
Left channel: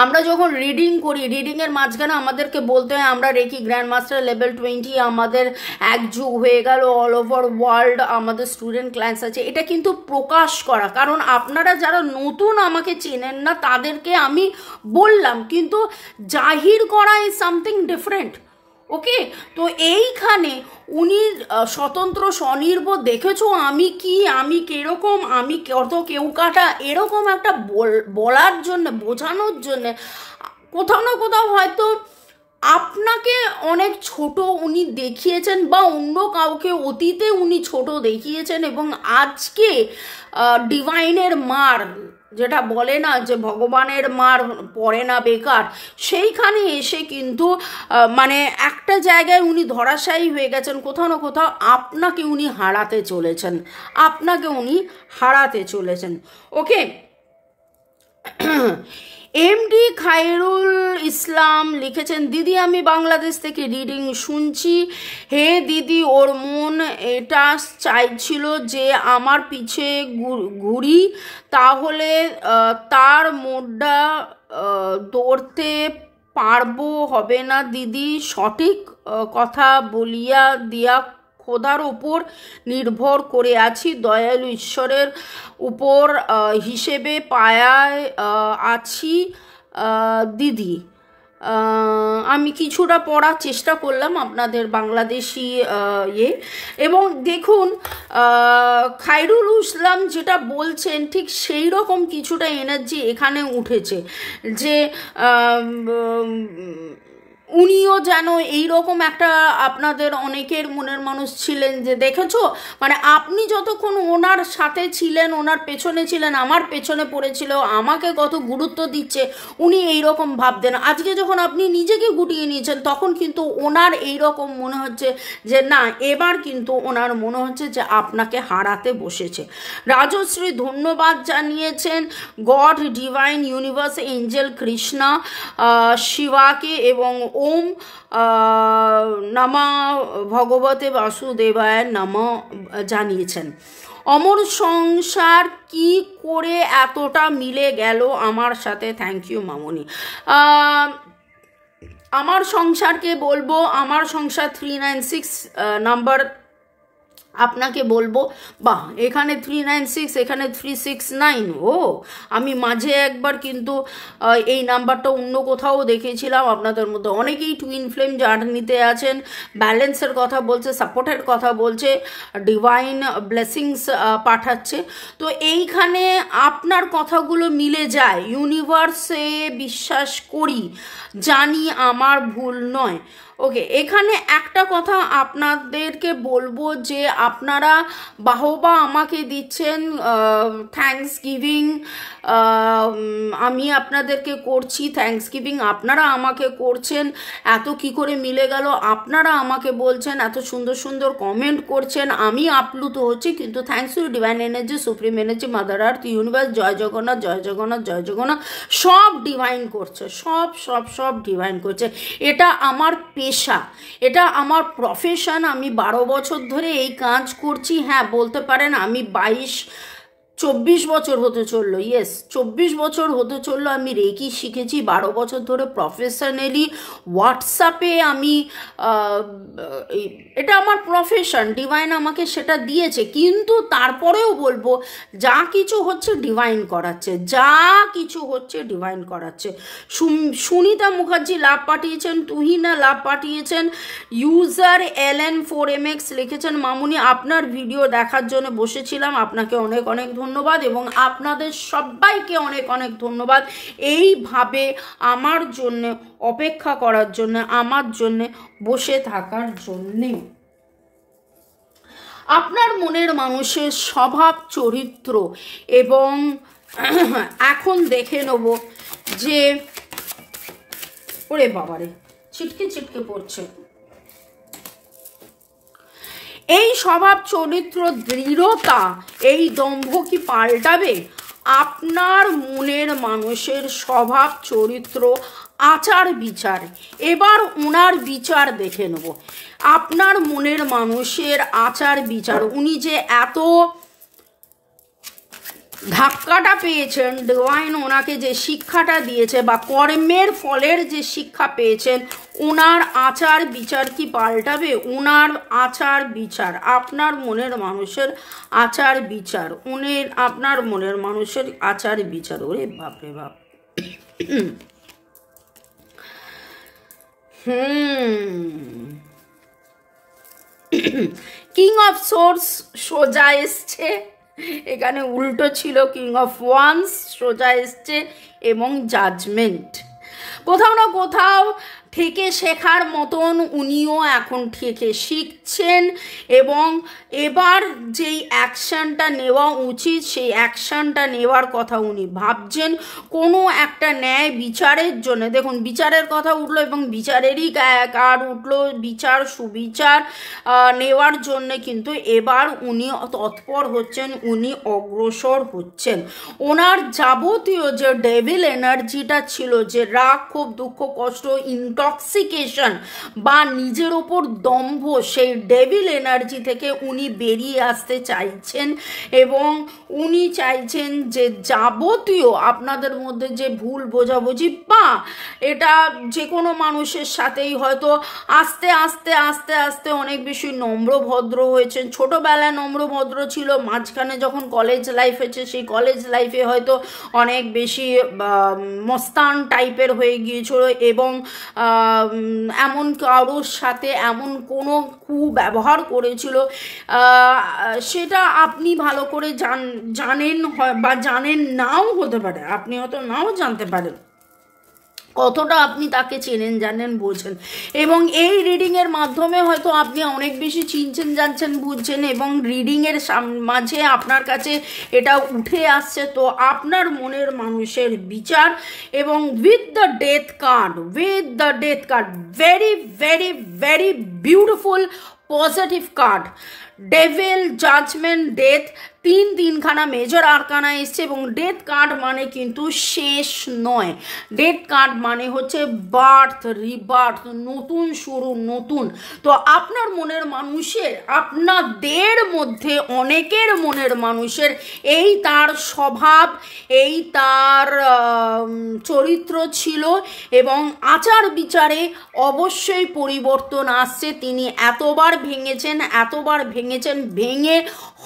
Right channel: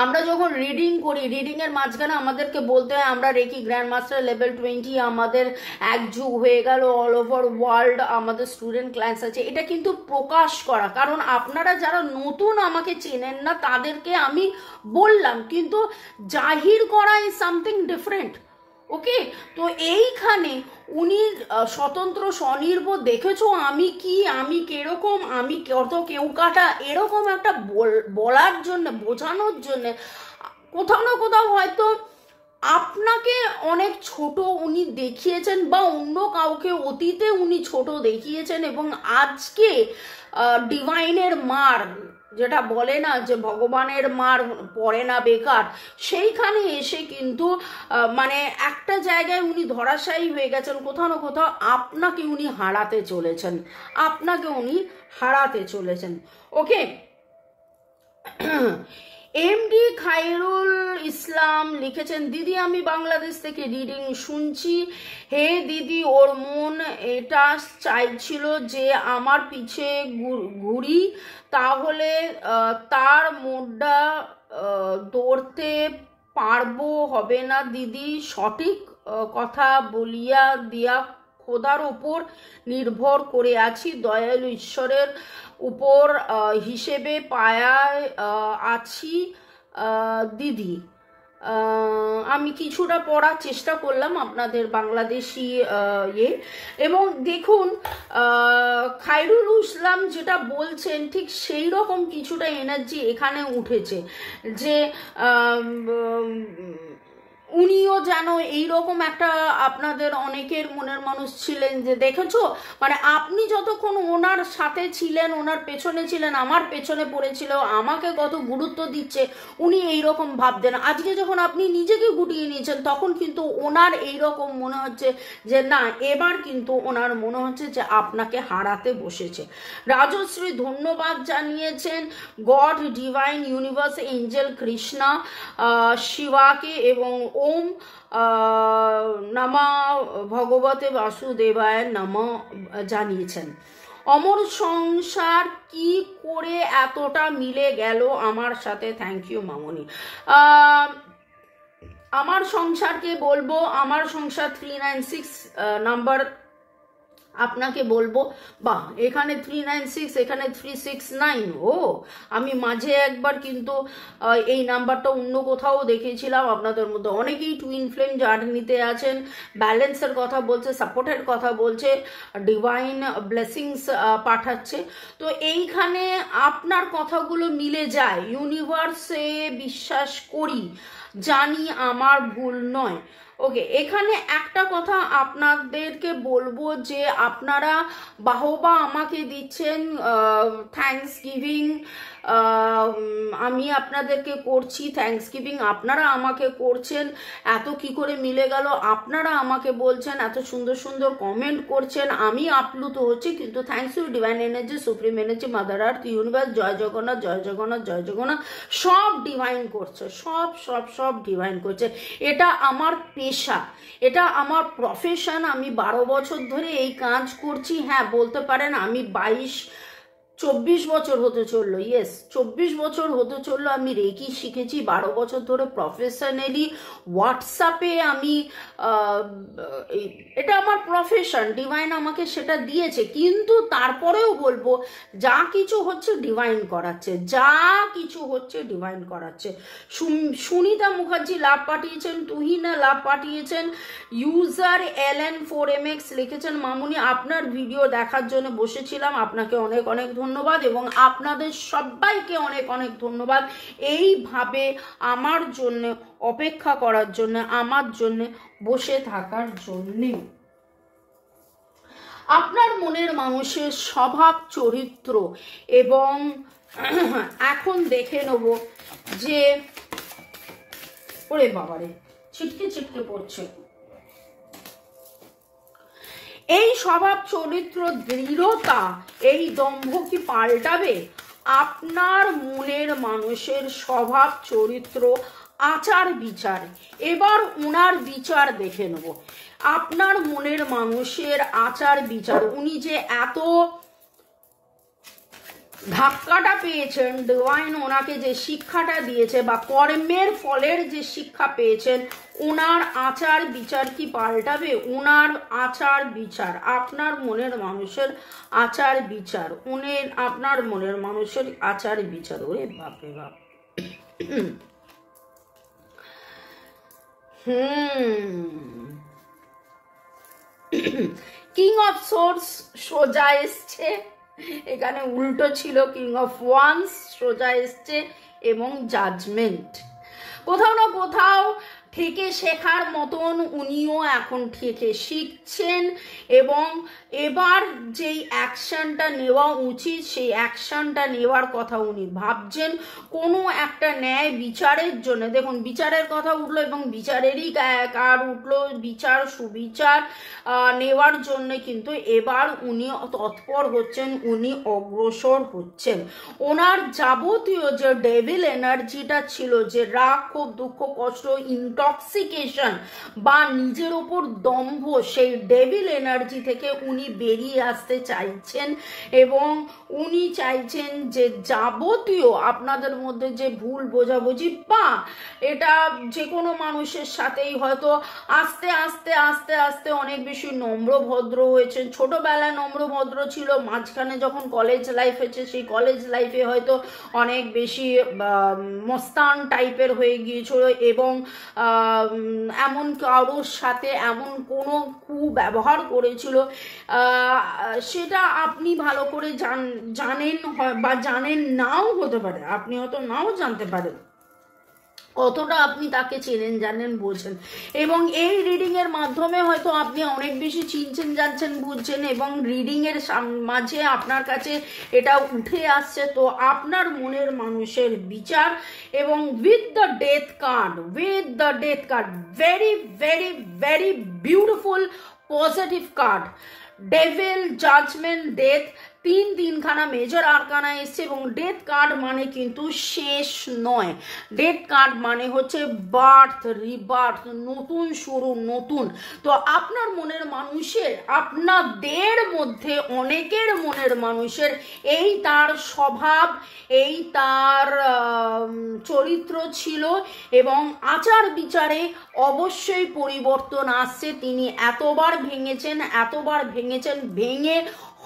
আমরা যখন রিডিং করি, রিডিংয়ের মাঝখানে আমাদেরকে বলতে হয় আমরা রেকি গ্র্যান্ড মাস্টার লেভেল 20, আমাদের এক যুগ হয়ে গেল, অল ওভার ওয়ার্ল্ড আমাদের স্টুডেন্ট ক্লাস আছে। এটা কিন্তু প্রকাশ করা, কারণ আপনারা যারা নতুন আমাকে চেনেন না তাদেরকে আমি বললাম, কিন্তু জাহির করা ইজ সামথিং ডিফারেন্ট। ওকে, তো এইখানে উনি স্বতন্ত্র স্বনির্ভর, দেখেছো আমি কি, আমি কিরকম, আমি কত কেউ কাটা, এরকম একটা বলার জন্য, বোঝানোর জন্য কোথাও না কোথাও হয়তো আপনাকে অনেক ছোট উনি দেখিয়েছেন, বা অন্য কাউকে অতীতে উনি ছোট দেখিয়েছেন, এবং আজকে ডিভাইনের মার, যেটা বলে না যে ভগবানের মার পড়ে না বেকার, সেইখানে এসে কিন্তু মানে একটা জায়গায় উনি ধরাশায়ী হয়ে গেছেন। কোথাও না কোথাও আপনাকে উনি হারাতে চলেছেন, আপনাকে উনি হারাতে চলেছেন। ওকে, এমডি খায়রুল ইসলাম লিখেছেন, দিদি আমি বাংলাদেশ থেকে রিডিং শুনছি। হে দিদি, ওর মন এটা চাইছিল যে আমার পিছে ঘুরি, তাহলে তার মোডটা দৌড়তে পারবো হবে না দিদি। সঠিক কথা বলিয়া দিয়া খোদার ওপর নির্ভর করে আছি, দয়ালু ঈশ্বরের উপর হিসেবে পায়ায় আছি দিদি। আমি কিছুটা পড়ার চেষ্টা করলাম আপনাদের বাংলাদেশি এবং দেখুন খায়রুল ইসলাম যেটা বলছেন ঠিক সেই রকম কিছুটা এনার্জি এখানে উঠেছে, যে উনিও যেন এইরকম একটা, আপনাদের অনেকের মনের মানুষ ছিলেন যে দেখেছো, মানে আপনি যতক্ষণ ওনার সাথে ছিলেন, ওনার পেছনে ছিলেন, আমার পেছনে পড়েছিল, আমাকে কত গুরুত্ব দিচ্ছে, উনি এইরকম ভাবতেন। আজকে যখন আপনি নিজেকে গুটিয়ে নিয়েছেন তখন কিন্তু ওনার এইরকম মনে হচ্ছে যে না, এবার কিন্তু ওনার মনে হচ্ছে যে আপনাকে হারাতে বসেছে। রাজশ্রী ধন্যবাদ জানিয়েছেন God, divine, universe, angel, Krishna, শিবাকে এবং ওম নমঃ ভগবতে বাসুদেবায় নমঃ জানিয়েছেন। অমর সংসার কি করে এতটা মিলে গেল আমার সাথে, থ্যাংক ইউ মামনি। আমার সংসারকে বলবো, আমার সংসার 396 নাম্বার আপনাকে বলবো, বা এখানে 396, এখানে 369। ও আমি মাঝে একবার কিন্তু এই নাম্বারটা অন্য কোথাও দেখেছিলাম। আপনাদের মধ্যে অনেকেই টুইন ফ্লেম জার্নিতে আছেন, ব্যালেন্সের কথা বলছে, সাপোর্টের কথা বলছে, ডিভাইন ব্লেসিংস পাঠাচ্ছে। তো এইখানে আপনার কথাগুলো মিলে যায়, ইউনিভার্সে বিশ্বাস করি, জানি আমার ভুল নয়। ওকে, এখানে একটা কথা আপনাদেরকে বলবো যে আপনারা বাহবা আমাকে দিচ্ছেন, থ্যাঙ্কস গিভিং আমি আপনাদেরকে করছি, থ্যাঙ্কস গিভিং আপনারা আমাকে করছেন, এত কি করে মিলে গেল, আপনারা আমাকে বলছেন, এত সুন্দর সুন্দর কমেন্ট করছেন, আমি আপ্লুত হচ্ছি। কিন্তু thanks to divine energy, supreme energy, mother earth, universe, জয় জগন্নাথ, জয় জগন্নাথ, জয় জগন্নাথ, সব ডিভাইন করছে, সব সব সব ডিভাইন করছে। এটা আমার পেশা, এটা আমার প্রফেশন, আমি 12 বছর ধরে এই কাজ করছি। হ্যাঁ, বলতে পারেন আমি 24 বছর হতে চললো, 24 বছর হতে চললো আমি রেকি শিখেছি। 12 বছর ধরে প্রফেশনালি হোয়াটসঅ্যাপে আমি, এটা আমার প্রফেশন, ডিভাইন আমাকে সেটা দিয়েছে। কিন্তু তারপরেও বলবো যা কিছু হচ্ছে ডিভাইন করাচ্ছে, যা কিছু হচ্ছে ডিভাইন করাচ্ছে। সুনিতা মুখার্জি লাভ পাঠিয়েছেন, তুহিনা লাভ পাঠিয়েছেন, ইউজার LN4MX লিখেছেন, মামুনি আপনার ভিডিও দেখার জন্য বসেছিলাম, আপনাকে অনেক অনেক ধন্যবাদ এবং আপনাদের সবাইকে অনেক অনেক ধন্যবাদ এইভাবে আমার জন্য অপেক্ষা করার জন্য, আমার জন্য বসে থাকার জন্যে। আপনার মনের মানুষের স্বভাব চরিত্র এবং এখন দেখে নেব যে, ওরে বাবারে ছিটকে ছিটকে পড়ছে, এই স্বভাব চরিত্র দৃঢ়তা, এই দম্ভ কি পাল্টাবে? আপনার মনের মানুষের স্বভাব চরিত্র, আচার বিচার, এবার ওনার বিচার দেখে নেব। আপনার মনের মানুষের আচার বিচার, উনি যে এত ধাক্কাটা পেয়েছেন, ডিভাইন ওনাকে যে শিক্ষাটা দিয়েছে বা কর্মের ফলের যে শিক্ষা পেয়েছেন, ওনার আচার বিচার কি পাল্টাবে? ওনার আচার বিচার, আপনার মনের মানুষের আচার বিচার, আপনার মনের মানুষের আচার বিচার, ওরে বাপরে বাপ। কিং অফ সোর্স সোজা এসছে, এখানে উল্টো ছিল, কিং অফ ওয়ান্স সোজা এসছে এবং জাজমেন্ট। কোথাও না কোথাও থেকে শেখার মতন উনিও এখন থেকে শিখছেন এবং এবার যেই অ্যাকশানটা নেওয়া উচিত সেই অ্যাকশানটা নেওয়ার কথা উনি ভাবছেন। কোনো একটা ন্যায় বিচারের জন্য, দেখুন বিচারের কথা উঠলো এবং বিচারেরই কার্ড উঠলো, বিচার সুবিচার নেওয়ার জন্য কিন্তু এবার উনি তৎপর হচ্ছেন, উনি অগ্রসর হচ্ছেন। ওনার যাবতীয় যে ডেভিল এনার্জিটা ছিল, যে রাগ, ক্ষোভ, দুঃখ, কষ্ট, ইনটক্সিকেশন বা নিজের ওপর দম্ভ, সেই ডেভিল এনার্জি থেকে উনি বেরিয়ে আসতে চাইছেন এবং উনি চাইছেন যে যাবতীয় আপনাদের মধ্যে যে ভুল বোঝাবুঝি বা এটা যে কোনো মানুষের সাথেই হয়তো আস্তে আস্তে আস্তে আস্তে অনেক বেশি নম্রভদ্র হয়েছেন। ছোটোবেলায় নম্রভদ্র ছিল, মাঝখানে যখন কলেজ লাইফ হয়েছে সেই কলেজ লাইফে হয়তো অনেক বেশি মস্তান টাইপের হয়ে গিয়েছিল এবং এমন কারোর সাথে এমন কোনো কুব্যবহার করেছিল, সেটা আপনি ভালো করে জানেন বা জানেন নাও হতে পারে, আপনি হয়তো নাও জানতে পারেন, কতটা আপনি তাকে চেনেন, জানেন, বোঝেন। এবং এই রিডিংয়ের মাধ্যমে হয়তো আপনি অনেক বেশি চিনছেন, জানছেন, বুঝছেন এবং রিডিংয়ের মাঝে আপনার কাছে এটা উঠে আসছে। তো আপনার মনের মানুষের বিচার এবং with the death card, very very very beautiful positive card, devil, judgement, death, তিনখানা মেজর আরকানা এসছে এবং ডেথ কার্ড মানে কিন্তু শেষ নয়, ডেথ কার্ড মানে হচ্ছে বার্থ, রিবার্থ, নতুন শুরু, নতুন। তো আপনার মনের মানুষের, আপনাদের মধ্যে অনেকের মনের মানুষের এই তার স্বভাব, এই তার চরিত্র ছিল এবং আচার বিচারে অবশ্যই পরিবর্তন আসছে। তিনি এতবার ভেঙে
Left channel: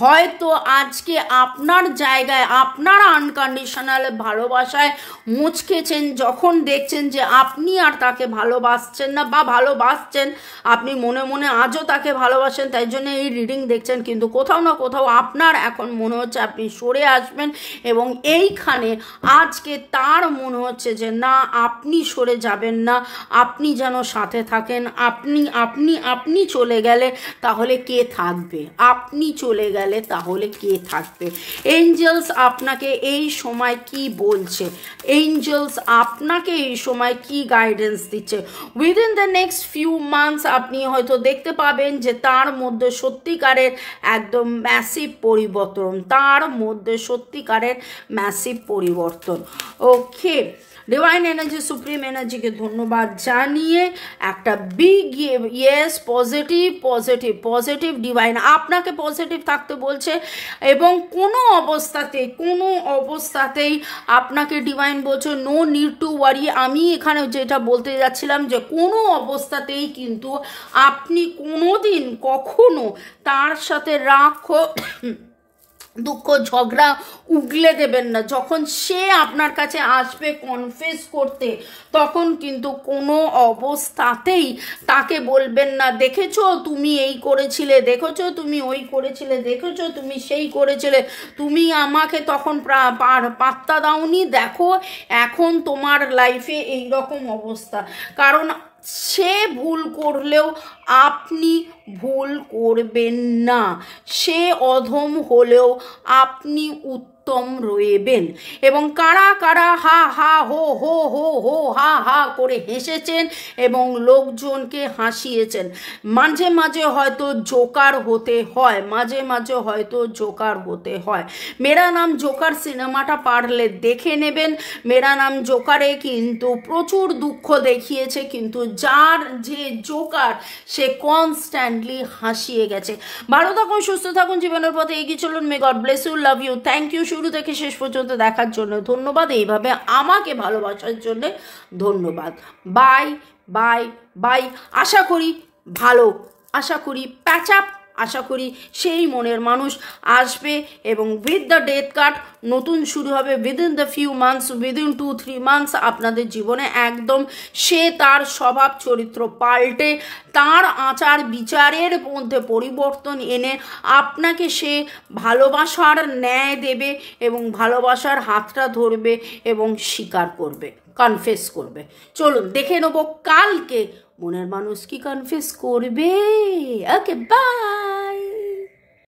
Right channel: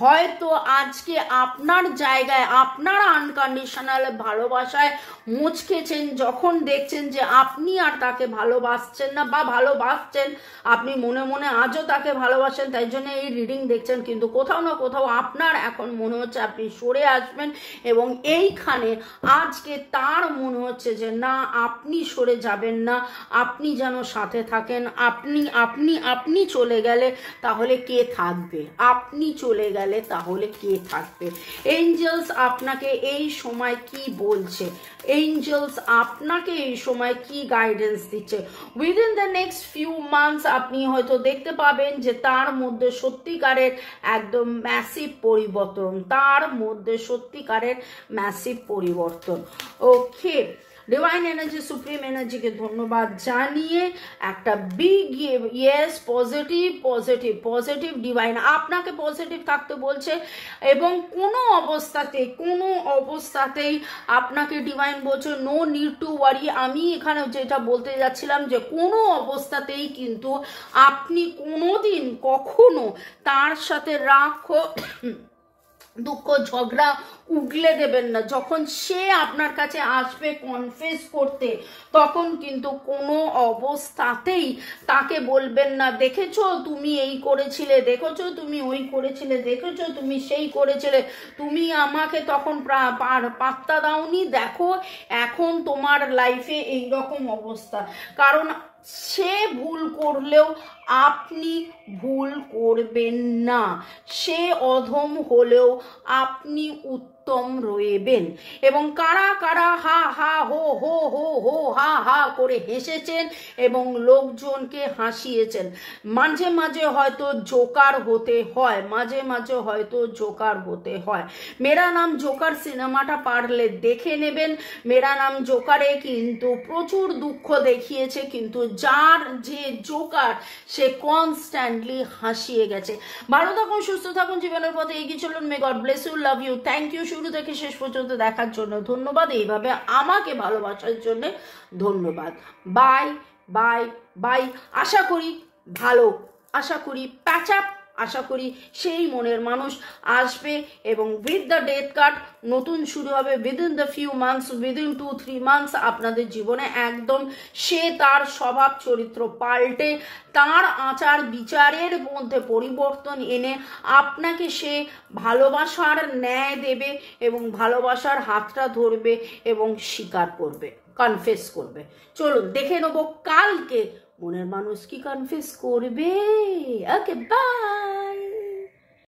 হয়তো আজ আজকে আপনার জায়গায় আপনার আনকন্ডিশনাল ভালোবাসায় মুচকেছেন, যখন দেখছেন যে আপনি আর তাকে ভালোবাসছেন না বা ভালোবাসছেন, আপনি মনে মনে আজও তাকে ভালোবাসেন, তাই জন্য এই রিডিং দেখছেন, কিন্তু কোথাও না কোথাও আপনার এখন মনে হচ্ছে আপনি সরে আসবেন, এবং এইখানে আজকে তার মনে হচ্ছে যে না, আপনি সরে যাবেন না, আপনি যেন সাথে থাকেন। আপনি আপনি আপনি চলে গেলে তাহলে কে থাকবে? আপনি চলে গেলে তাহলে কে থাকবে? এঞ্জেলস আপনাকে এই সময় কি বলছে? এঞ্জেলস আপনাকে এই সময় কি গাইডেন্স দিচ্ছে? Within the next few months আপনি হয়তো দেখতে পাবেন যে তার মধ্যে সত্যিকারের একদম ম্যাসিভ পরিবর্তন, তার মধ্যে সত্যিকারের ম্যাসিভ পরিবর্তন। ওকে, ডিভাইন এনার্জি, সুপ্রিম এনার্জিকে ধন্যবাদ জানিয়ে একটা big yes, positive positive positive divine আপনাকে পজিটিভ থাকতে বলছে, এবং কোনো অবস্থাতেই আপনাকে ডিভাইন বলছে নো নিড টু ওয়ারি। আমি এখানে যেটা বলতে যাচ্ছিলাম যে কোনো অবস্থাতেই কিন্তু আপনি কোনোদিন কখনো তার সাথে রাগ দুঃখ ঝগড়া উগলে দেবেন না। যখন সে আপনার কাছে আসবে কনফেস করতে, তখন কিন্তু কোনো অবস্থাতেই তাকে বলবেন না দেখেছো তুমি এই করেছিলে, দেখেছো তুমি ওই করেছিলে, দেখেছো তুমি সেই করেছিলে, তুমি আমাকে তখন পাত্তা দাওনি, দেখো এখন তোমার লাইফে এই রকম অবস্থা। কারণ সে ভুল করলেও আপনি ভুল করবেন না, সে অধম হলেও আপনি উত্তম রইবেন। এবং কারা কারা হা হা হো হো হো হো হা হা করে হেসেছেন এবং লোকজনকে হাসিয়েছেন, মাঝে মাঝে হয়তো জোকার হতে হয়, মাঝে মাঝে হয়তো জোকার হতে হয়। মেরা নাম জোকার সিনেমাটা পারলে দেখে নেবেন। মেরা নাম জোকারে কিন্তু প্রচুর দুঃখ দেখিয়েছে, কিন্তু যার যে জোকার সে কনস্ট্যান্টলি হাসিয়ে গেছে। ভালো থাকুন, সুস্থ থাকুন, জীবনের পথে এগিয়ে চলুন। May God bless you, love you, thank you শুরু থেকে শেষ পর্যন্ত দেখার জন্য ধন্যবাদ, এইভাবে আমাকে ভালোবাসার জন্য ধন্যবাদ। Bye bye bye. আশা করি ভালো, আশা করি প্যাচ আপ, আশা করি সেই মনের মানুষ আসবে, এবং উইথ দ্য ডেথ কার্ড নতুন শুরু হবে within the few months, within 2-3 months আপনাদের জীবনে একদম সে তার স্বভাব চরিত্র পাল্টে তার আচার বিচারের মধ্যে পরিবর্তন এনে আপনাকে সে ভালোবাসার ন্যায় দেবে, এবং ভালোবাসার হাতটা ধরবে এবং স্বীকার করবে, কনফেস করবে। চলুন দেখে নেব কালকে মনের মানুষ কি কনফেস করবে। ওকে, বাই।